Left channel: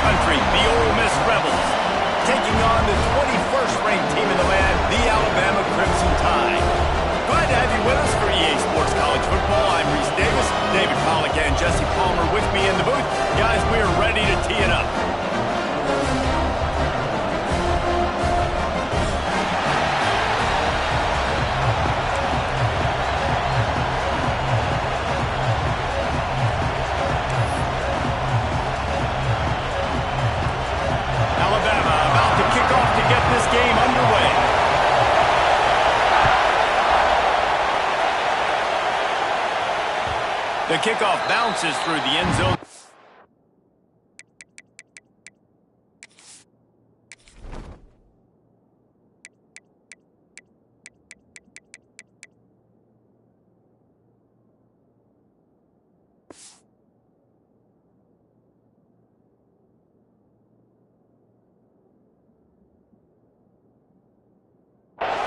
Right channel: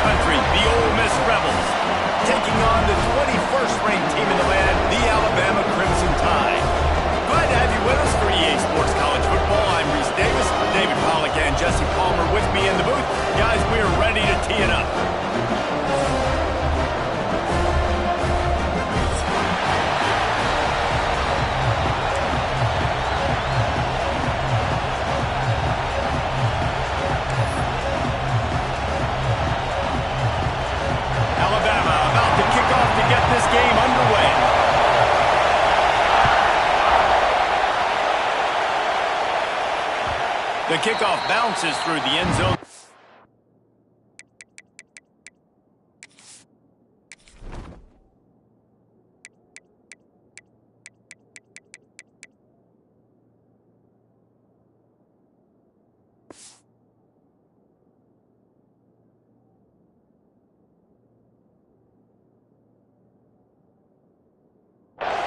country, the Ole Miss Rebels, taking on the 21st ranked team in the land, the Alabama Crimson Tide. Glad to have you with us for EA Sports College Football. I'm Reese Davis, David Pollack and Jesse Palmer with me in the booth. Guys, we are ready to tee it up. Alabama about to kick off to get this game underway. The kickoff bounces through the end zone.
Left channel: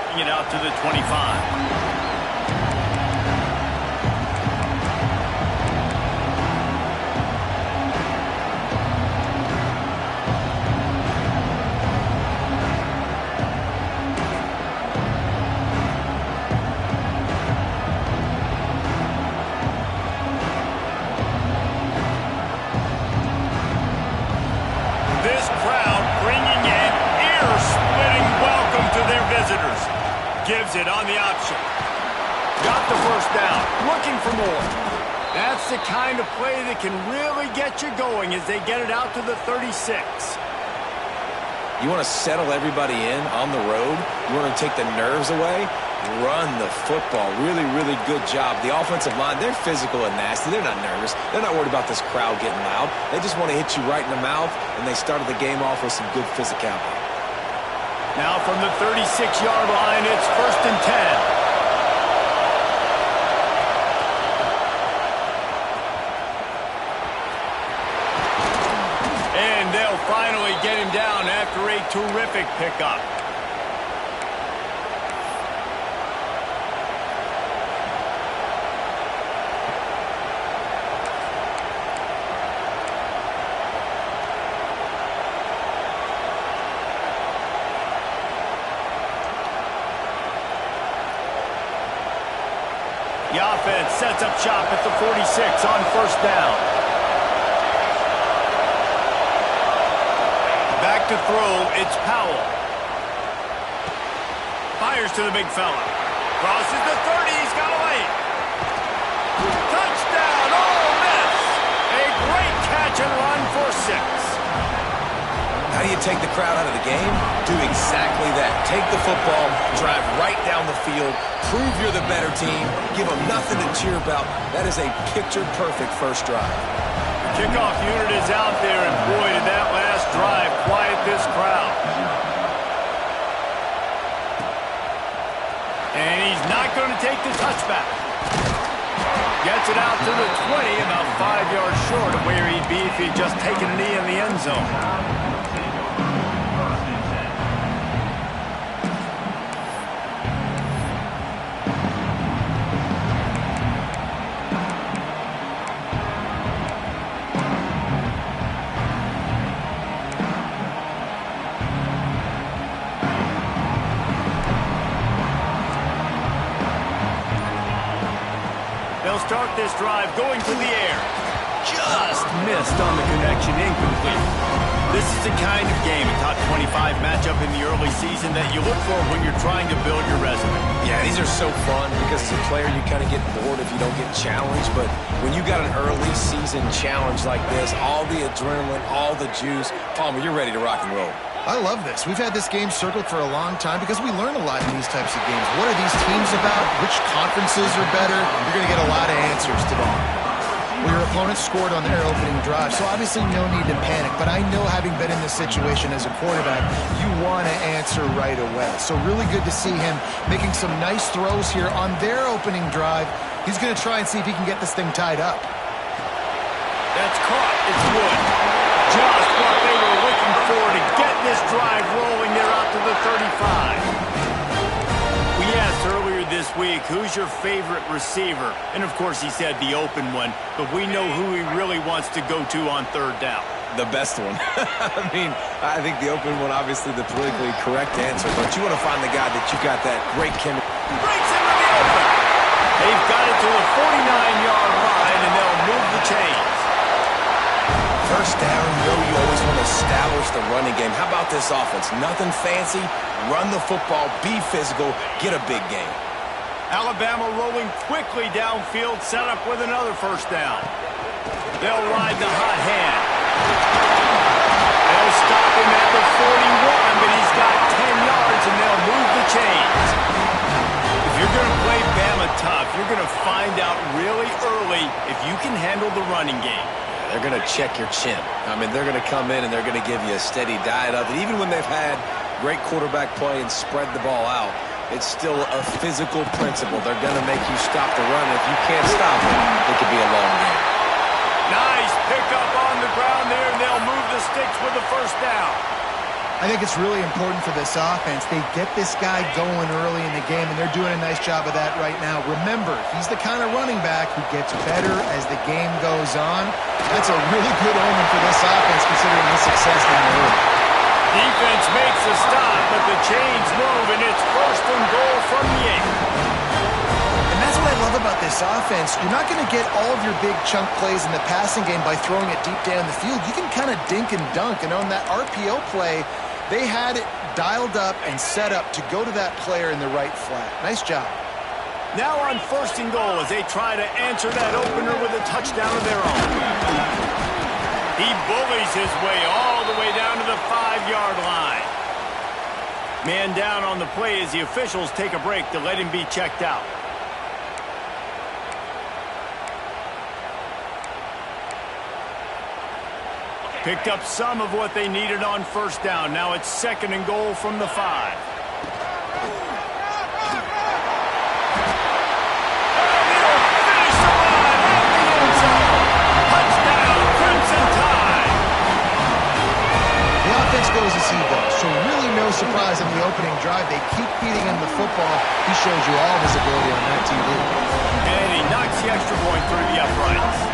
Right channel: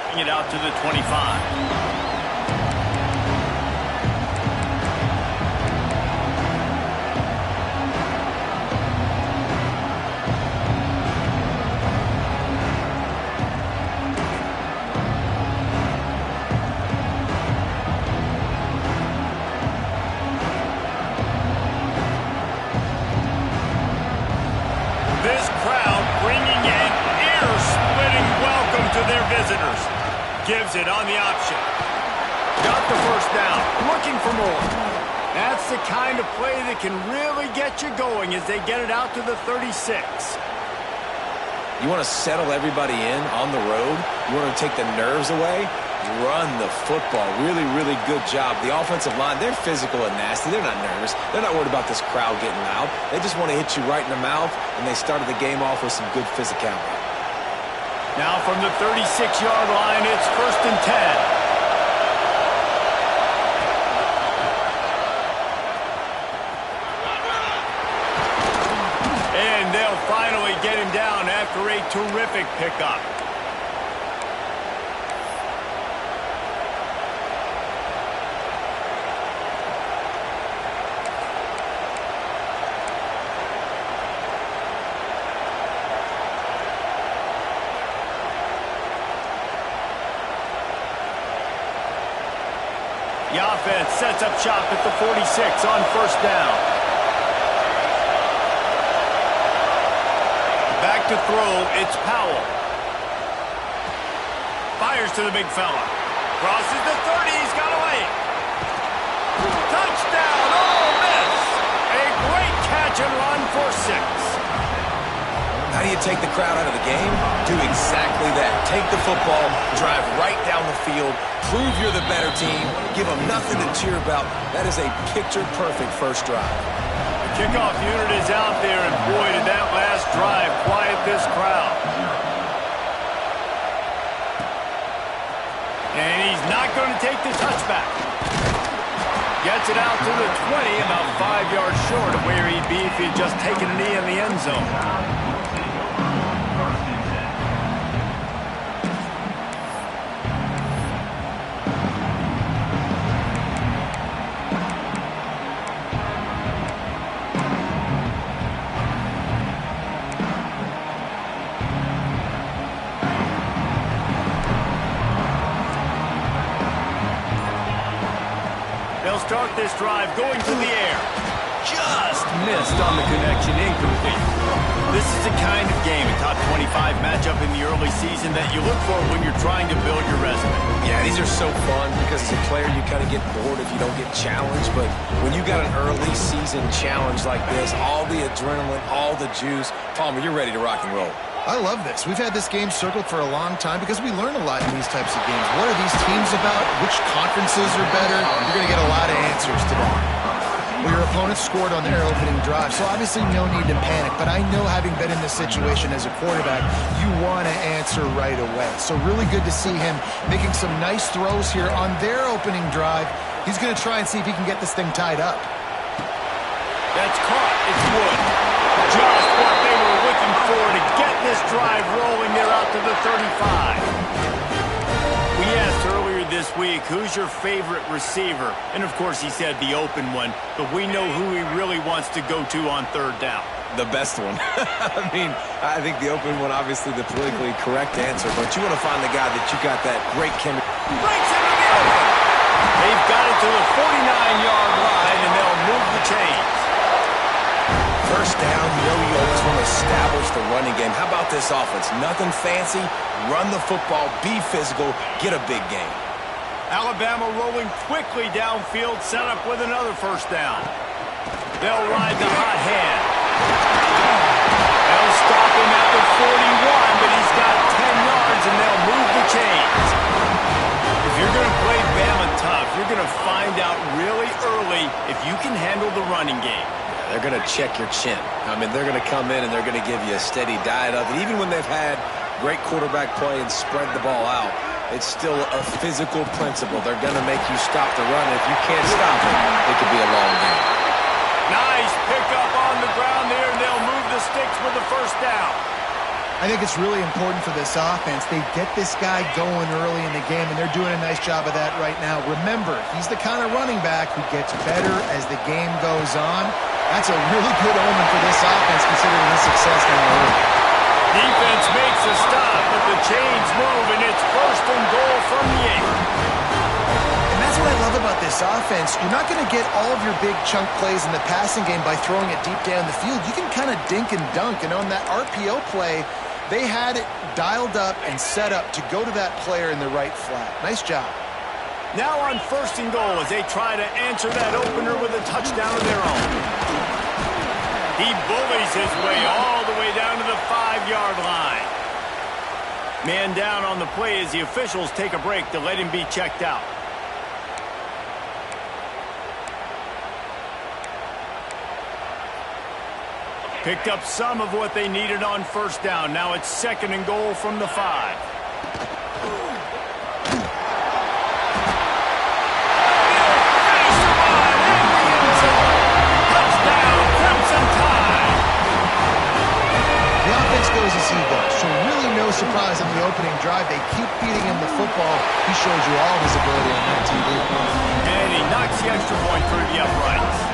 Bring it out to the 25. This crowd bringing an ear-splitting welcome to their visitors. Gives it on the option. Got the first down. Looking for more. That's the kind of play that can really get you going as they get it out to the 36. You want to settle everybody in on the road? You want to take the nerves away? Run the football. Really, really good job. The offensive line, they're physical and nasty. They're not nervous. They're not worried about this crowd getting loud. They just want to hit you right in the mouth, and they started the game off with some good physicality. Now from the 36-yard line, it's 1st and 10. And they'll finally get him down after a terrific pickup. The offense sets up shop at the 46 on 1st down. Back to throw, it's Powell. Fires to the big fella. Crosses the 30, he's got away. Touchdown, Ole Miss. A great catch and run for 6. How do you take the crowd out of the game? Do exactly that. Take the football, drive right down the field, prove you're the better team, give them nothing to cheer about. That is a picture-perfect first drive. The kickoff unit is out there, and boy, did that last drive quiet this crowd. And he's not going to take the touchback. Gets it out to the 20, about 5 yards short of where he'd be if he'd just taken a knee in the end zone. They'll start this drive going to the air. Just missed on the connection, incomplete. This is the kind of game, a top 25 matchup in the early season that you look for when you're trying to build your resume. Yeah, these are so fun because as a player you kind of get bored if you don't get challenged, but when you got an early season challenge like this, all the adrenaline, all the juice, Palmer, you're ready to rock and roll. I love this. We've had this game circled for a long time because we learn a lot in these types of games. What are these teams about? Which conferences are better? You're going to get a lot of answers today. Well, your opponent scored on their opening drive, so obviously no need to panic. But I know, having been in this situation as a quarterback, you want to answer right away. So really good to see him making some nice throws here on their opening drive. He's going to try and see if he can get this thing tied up. That's caught. It's Wood. Just what they were looking for to get this drive rolling. They're out to the 35. We We asked earlier this week, who's your favorite receiver? And, of course, he said the open one, but we know who he really wants to go to on third down. The best one. I mean, I think the open one, obviously the politically correct answer, but you want to find the guy that you got that great chemistry. Breaks into the open. They've got it to the 49-yard line, and they'll move the chains. First down, you always want to establish the running game. How about this offense? Nothing fancy. Run the football, be physical, get a big game. Alabama rolling quickly downfield, set up with another first down. They'll ride the hot hand. They'll stop him at the 41, but he's got 10 yards, and they'll move the chains. If you're going to play Bama tough, you're going to find out really early if you can handle the running game. They're going to check your chin. I mean, they're going to come in and they're going to give you a steady diet of it. Even when they've had great quarterback play and spread the ball out, it's still a physical principle. They're going to make you stop the run. If you can't stop it, it could be a long game. Nice pickup on the ground there, and they'll move the sticks with the first down. I think it's really important for this offense. They get this guy going early in the game, and they're doing a nice job of that right now. Remember, he's the kind of running back who gets better as the game goes on. That's a really good omen for this offense, considering his success now early. Defense makes a stop, but the chains move, and it's first and goal from the 8. And that's what I love about this offense. You're not going to get all of your big chunk plays in the passing game by throwing it deep down the field. You can kind of dink and dunk, and on that RPO play, they had it dialed up and set up to go to that player in the right flat. Nice job. Now on first and goal as they try to answer that opener with a touchdown of their own. He bullies his way all the way down to the 5-yard line. Man down on the play as the officials take a break to let him be checked out. Picked up some of what they needed on first down. Now it's second and goal from the 5. And he'll finish the run at the end zone. Touchdown, Crimson Tide. The offense goes as he goes, so really no surprise on the opening drive. They keep feeding him the football. He shows you all of his ability on that TV. And he knocks the extra point through the uprights.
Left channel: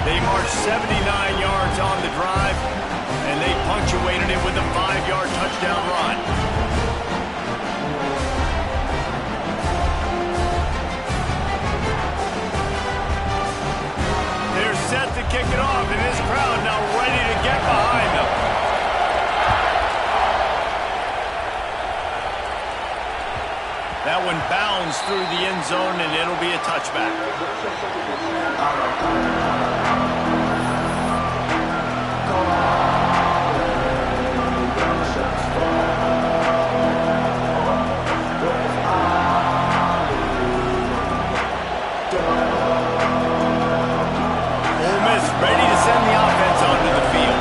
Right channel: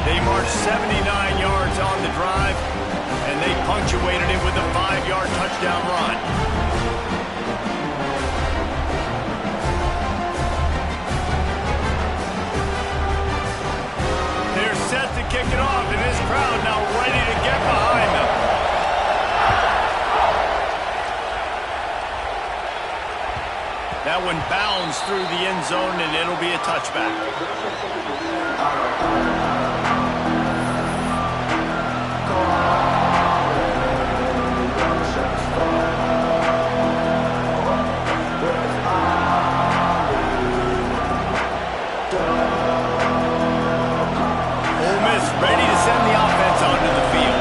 They marched 79 yards on the drive, and they punctuated it with a 5-yard touchdown run. They're set to kick it off, and this crowd now ready to get behind them. That one bounds through the end zone, and it'll be a touchback. Ready to send the offense onto the field.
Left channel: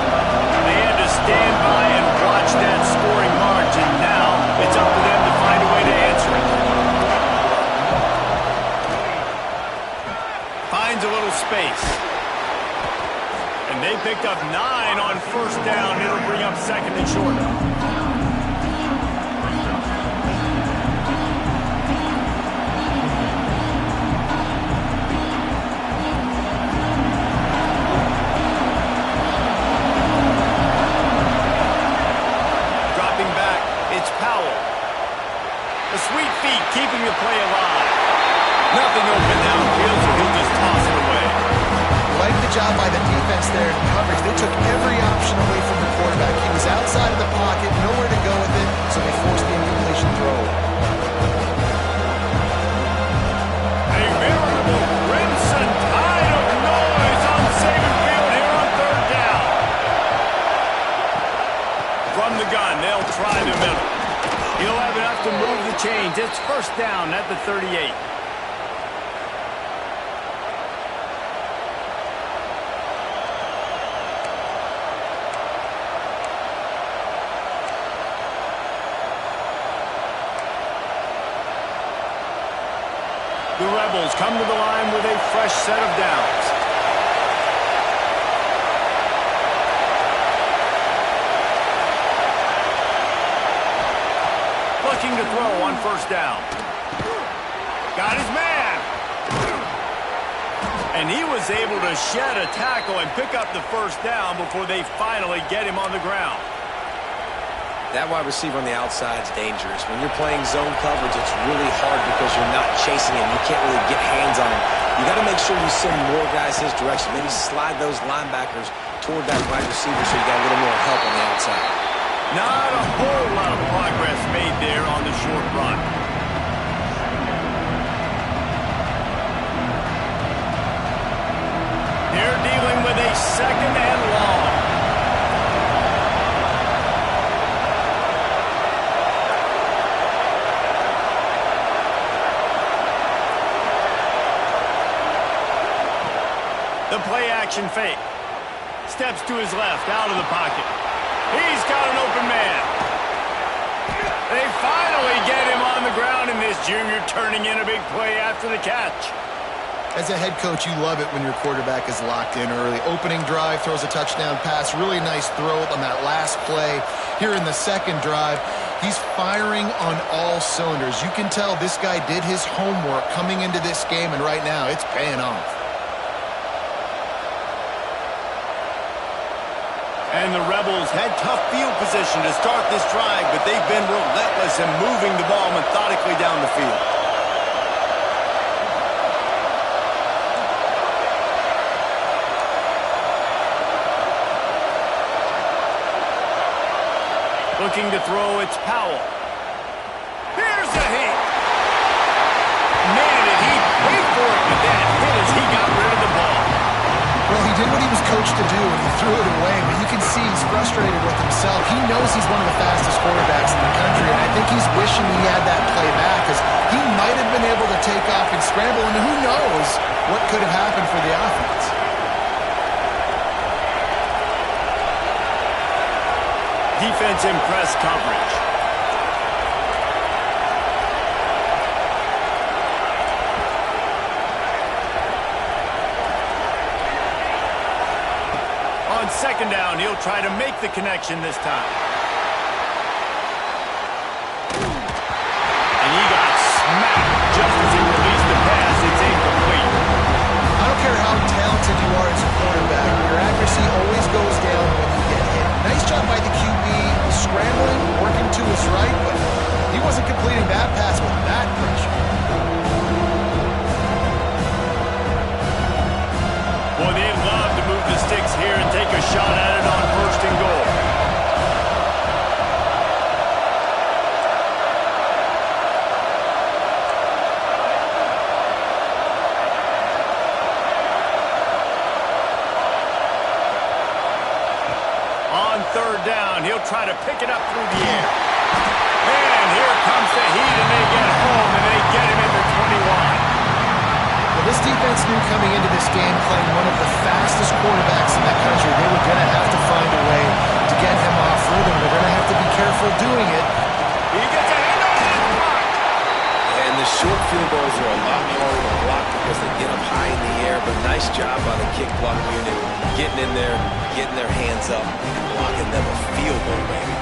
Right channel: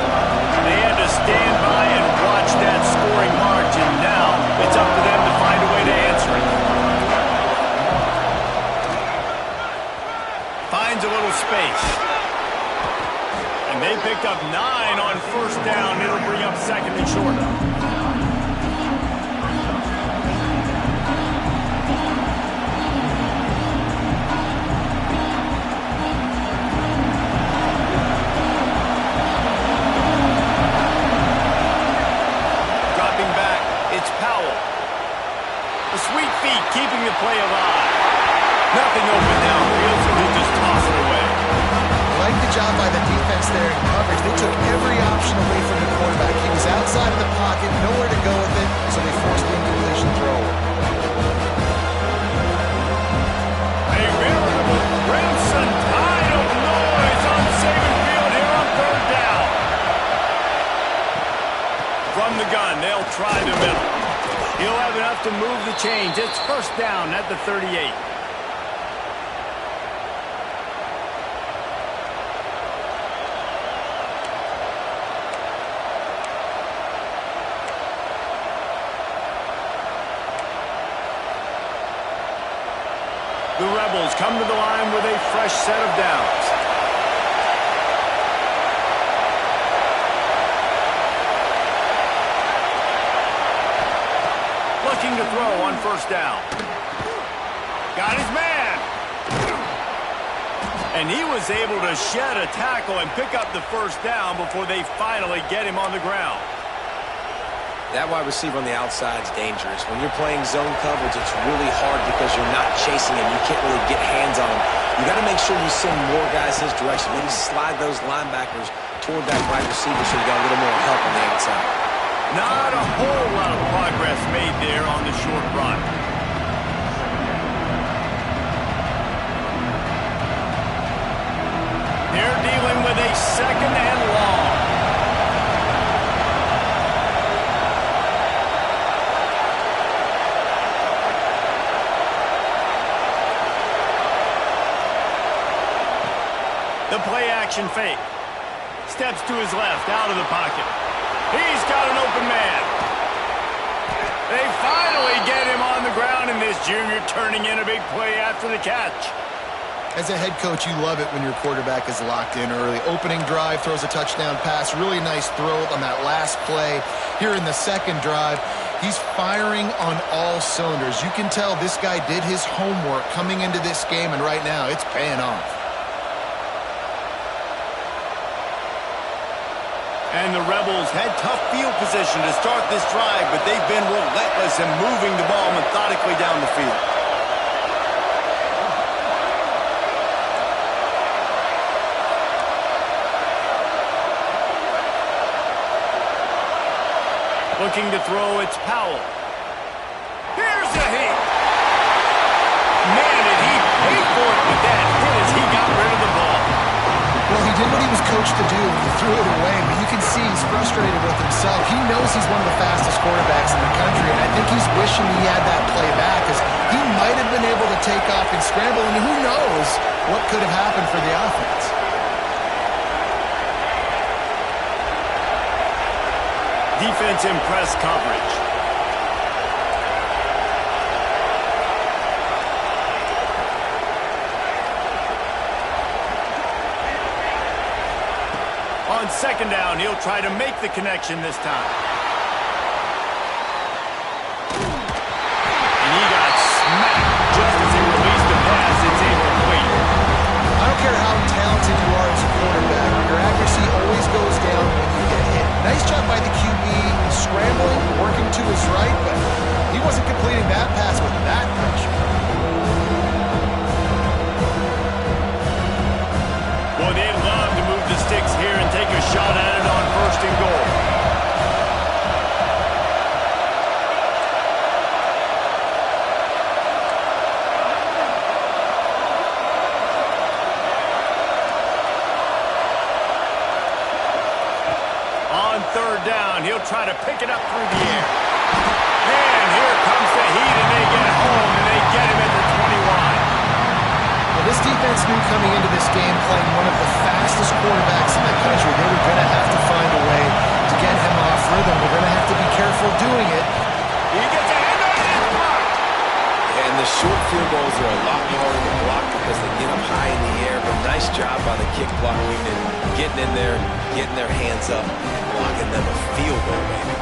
They had to stand by and watch that scoring march, and now it's up to them to find a way to answer it. Finds a little space. And they picked up 9 on first down. It'll bring up second and short. It's Powell. The sweet feet keeping the play alive. Nothing open downfield, so he'll just toss it away. Like the job by the defense there in coverage. They took every option away from the quarterback. He was outside of the pocket, nowhere to go with it, so they forced the incompletion throw. A veritable crimson tide of noise on Saban Field here on third down. From the gun, they'll try the middle. He'll have enough to move the chains. It's first down at the 38. The Rebels come to the line with a fresh set of downs. Looking to throw on first down. Got his man. And he was able to shed a tackle and pick up the first down before they finally get him on the ground. That wide receiver on the outside is dangerous. When you're playing zone coverage, it's really hard because you're not chasing him. You can't really get hands on him. You got to make sure you send more guys his direction. Maybe slide those linebackers toward that wide receiver so you got a little more help on the outside. Not a whole lot of progress made there on the short run. They're dealing with a second and long. The play-action fake. Steps to his left, out of the pocket. He's got an open man. They finally get him on the ground, and this junior turning in a big play after the catch. As a head coach, you love it when your quarterback is locked in early. Opening drive, throws a touchdown pass. Really nice throw on that last play. Here in the second drive, he's firing on all cylinders. You can tell this guy did his homework coming into this game, and right now it's paying off. And the Rebels had tough field position to start this drive, but they've been relentless in moving the ball methodically down the field. Looking to throw, it's Powell. Here's a hit. Man, did he pay for it with that hit as he got rid of the ball. Well, he did what he was coached to do, and he threw it away, but you can see he's frustrated with himself. He knows he's one of the fastest quarterbacks in the country, and I think he's wishing he had that play back, because he might have been able to take off and scramble, and who knows what could have happened for the offense. Defense in press coverage. On second down, he'll try to make the connection this time. And he got smacked just as he released the pass. It's incomplete. I don't care how talented you are as a quarterback, your accuracy always goes down when you get hit. Nice job by the QB, scrambling, working to his right, but he wasn't completing that pass with that pressure. Well, they'd love to move the sticks here and take a shot at it on first and goal. On third down, he'll try to pick it up through the air. And here comes the heat, and they get home, and they get him at the 21. Well, this defense knew coming into this game, playing one of the fastest quarterbacks in the country, they were going to have to find a way to get him off rhythm. They're going to have to be careful doing it. He gets a hand on it and blocked. And the short field goals are a lot harder to block because they get up high in the air, but nice job by the kick block unit, getting in there, getting their hands up, and blocking them a field goal, baby.